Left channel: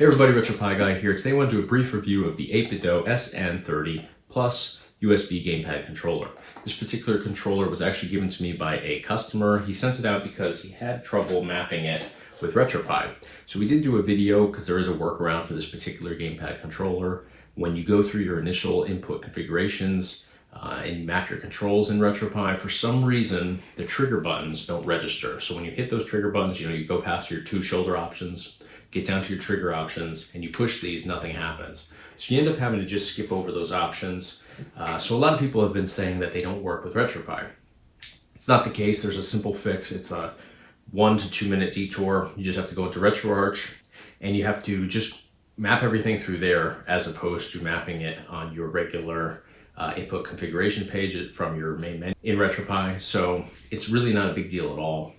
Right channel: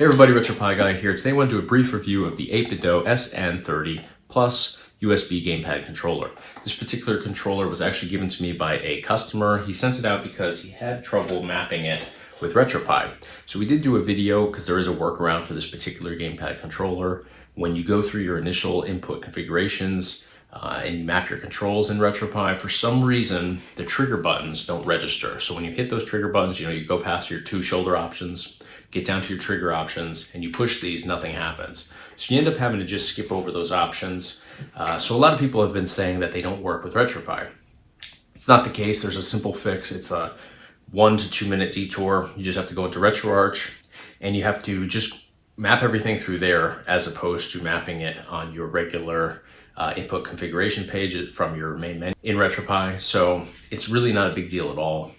Hey everybody, RetroPie Guy here. Today I want to do a brief review of the 8BitDo SN30 Plus USB Gamepad Controller. This particular controller was actually given to me by a customer. He sent it out because he had trouble mapping it with RetroPie. So we did do a video because there is a workaround for this particular gamepad controller. When you go through your initial input configurations and you map your controls in RetroPie, for some reason the trigger buttons don't register. So when you hit those trigger buttons, you go past your two shoulder options, get down to your trigger options, and you push these, nothing happens. So you end up having to just skip over those options. So a lot of people have been saying that they don't work with RetroPie. It's not the case. There's a simple fix. It's a 1 to 2 minute detour. You just have to go into RetroArch and you have to just map everything through there as opposed to mapping it on your regular input configuration page from your main menu in RetroPie. So it's really not a big deal at all.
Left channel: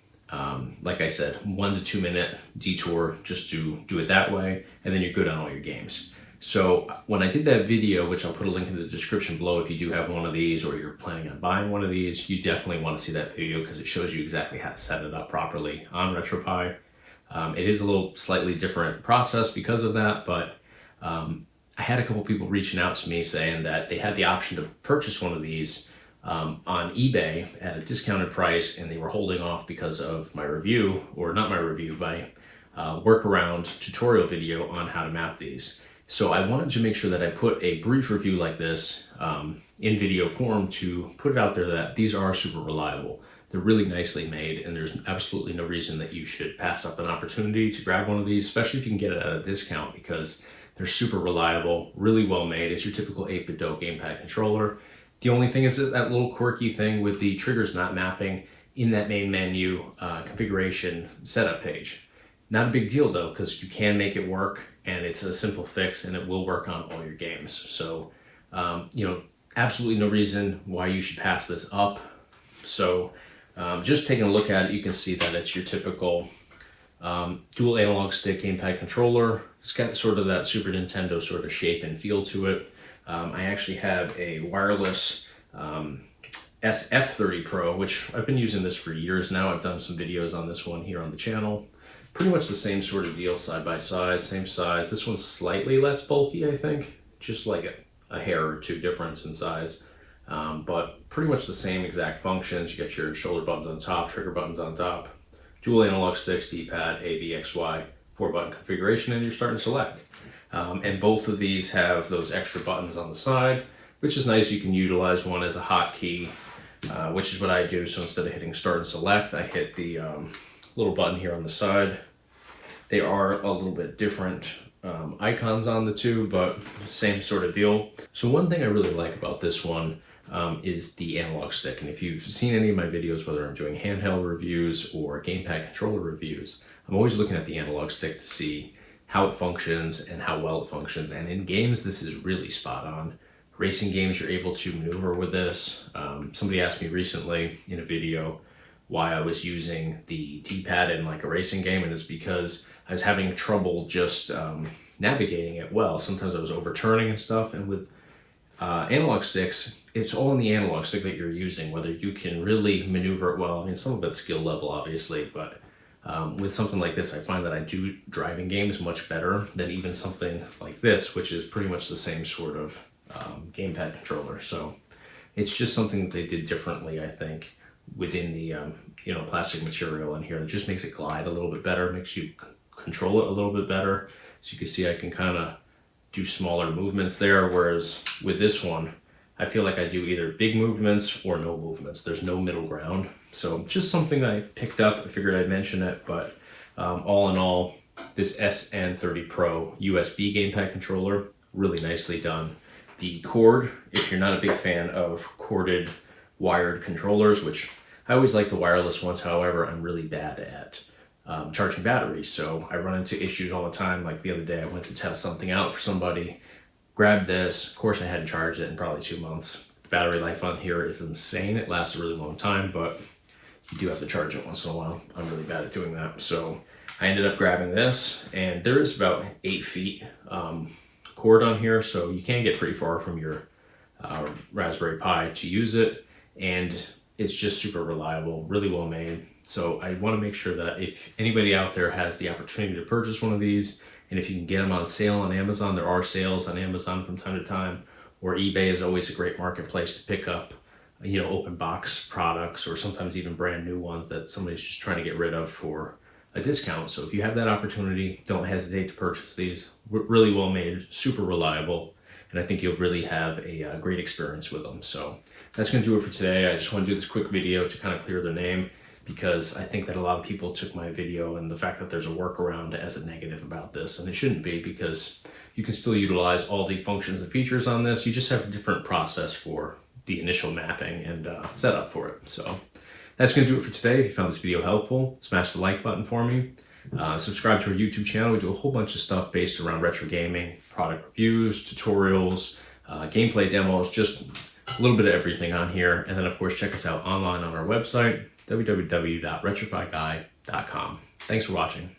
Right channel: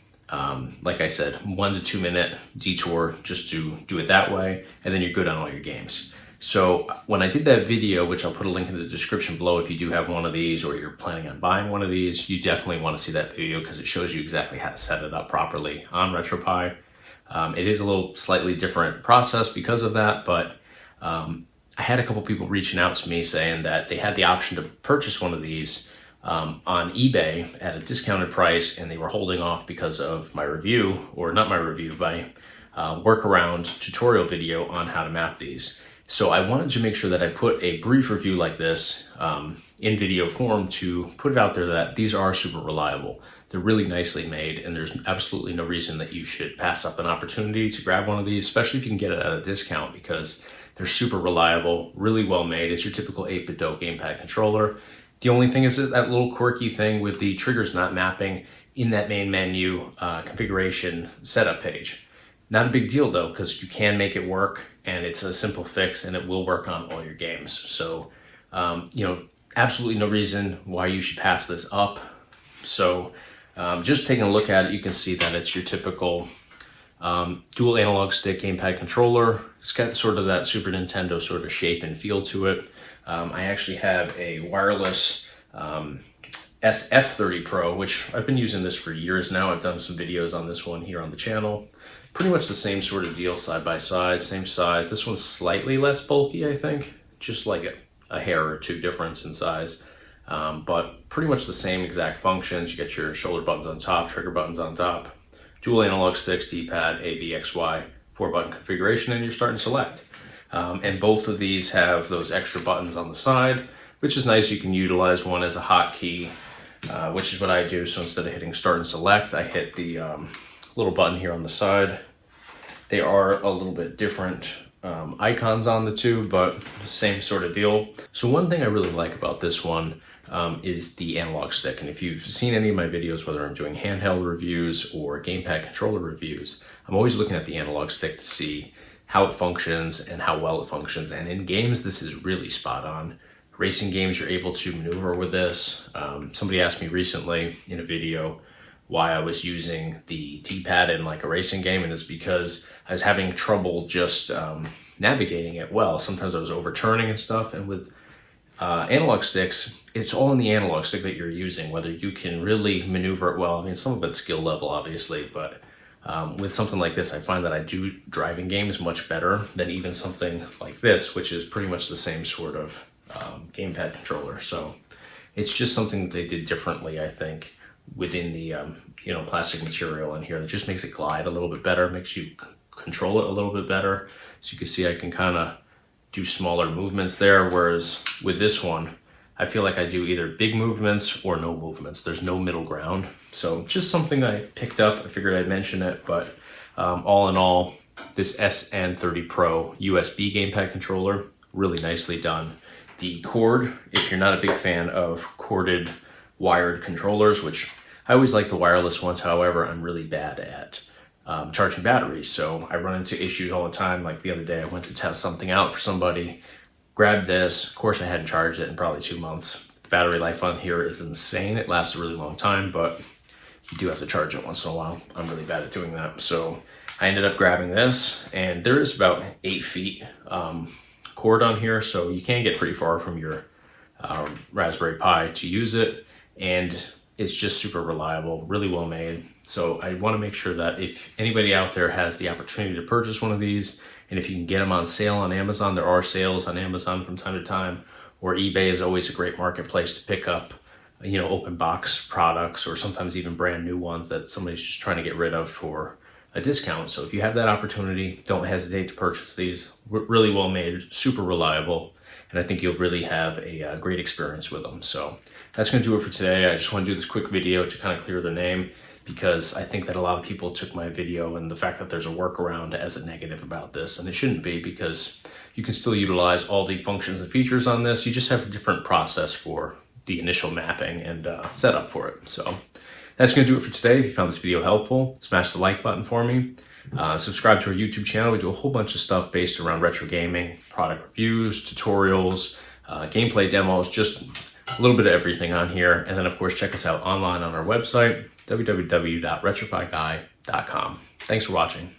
Like I said, 1 to 2 minute detour just to do it that way, and then you're good on all your games. So when I did that video, which I'll put a link in the description below if you do have one of these or you're planning on buying one of these, you definitely want to see that video because it shows you exactly how to set it up properly on RetroPie. It is a little slightly different process because of that, but I had a couple people reaching out to me saying that they had the option to purchase one of these on eBay at a discounted price, and they were holding off because of my review, or not my review, my workaround tutorial video on how to map these. So I wanted to make sure that I put a brief review like this in video form to put it out there that these are super reliable. They're really nicely made, and there's absolutely no reason that you should pass up an opportunity to grab one of these, especially if you can get it at a discount, because they're super reliable, really well made. It's your typical 8BitDo gamepad controller. The only thing is that little quirky thing with the triggers not mapping in that main menu configuration setup page. Not a big deal though, because you can make it work, and it's a simple fix and it will work on all your games. So, absolutely no reason why you should pass this up. So just taking a look at it, you can see that it's your typical dual analog stick gamepad controller. It's got sort of that Super Nintendo sort of shape and feel to it. I actually have a wireless SN30 Pro, which I've been using this for years now. I've done some videos on this one here on the channel. Pretty much the same sort of deal, side by side, same size. This one's slightly less bulky, I think, just like a hair or two difference in size. But pretty much the same exact functions. You get your shoulder buttons on top, trigger buttons on top, dual analog sticks, D-pad, A, B, X, Y, 4-button configuration, and you're starting to select. And both of these have those extra buttons on the side, which is nice. You can utilize one as a hotkey, which is what I do. So instead of hitting start and select, I hit the little button here on the side. They are a little bit different icons on the two, but same sort of deal. So one thing I really like about this one is the analog stick. And if you've seen any of my videos, whether I'm doing handheld reviews or gamepad controller reviews, I'm always looking at the analog stick to see how it functions and how well it functions. And in games, this is really spot on. Racing games, you're able to maneuver with this. Somebody asked me recently in a video why I was using the D-pad in like a racing game, and it's because I was having trouble just navigating it well. Sometimes I was overturning and stuff, and with analog sticks, it's all in the analog stick that you're using, whether you can really maneuver it well. I mean, some of it's skill level, obviously, but with something like this, I find that I do driving games much better than even something like this, which is pretty much the same sort of gamepad controller. So it's just something that they did differently, I think, within the plastic material in here. It just makes it glide a little bit better, makes you control it a little bit better. So you can see I can kind of do smaller movements there, whereas with this one, I feel like I do either big movements or no movements. There's no middle ground. So just something I picked up. I figured I'd mention it, but all in all, this SN30 Pro USB gamepad controller, really nicely done. The cord, if you're not a big fan of corded wired controllers, which I always like the wireless ones, however, I'm really bad at charging batteries. So I run into issues all the time. Like the other day, I went to test something out for somebody, grabbed this. Of course, I hadn't charged it in probably 2 months. The battery life on here is insane. It lasts a really long time, but you do have to charge it once in a while. I'm really bad at doing that. So I ended up grabbing this, and there is about 8 feet cord on here. So you can get pretty far from your Raspberry Pi to use it. And it's just super reliable, really well made. So I want to make sure that if anybody out there has the opportunity to purchase one of these And if you can get them on sale on Amazon, there are sales on Amazon from time to time, or eBay is always a great marketplace to pick up, open box products, or sometimes even brand new ones that somebody's just trying to get rid of for a discount. So if you have that opportunity, don't hesitate to purchase these. Really well made, super reliable, and I think you'll really have a great experience with them. So that's going to do it for today. I just want to do this quick video to kind of clear the name, because I think that a lot of people took my video and the fact that there's a workaround as a negative about this, and it shouldn't be, because you can still utilize all the functions and features on this. You just have a different process for the initial mapping and setup for it. So that's going to do it for today. If you found this video helpful, smash the like button for me. Subscribe to our YouTube channel. We do a whole bunch of stuff based around retro gaming, product reviews, tutorials, gameplay demos, just a little bit of everything on here. And then of course, check us out online on our website, www.retropieguy.com. Thanks for watching.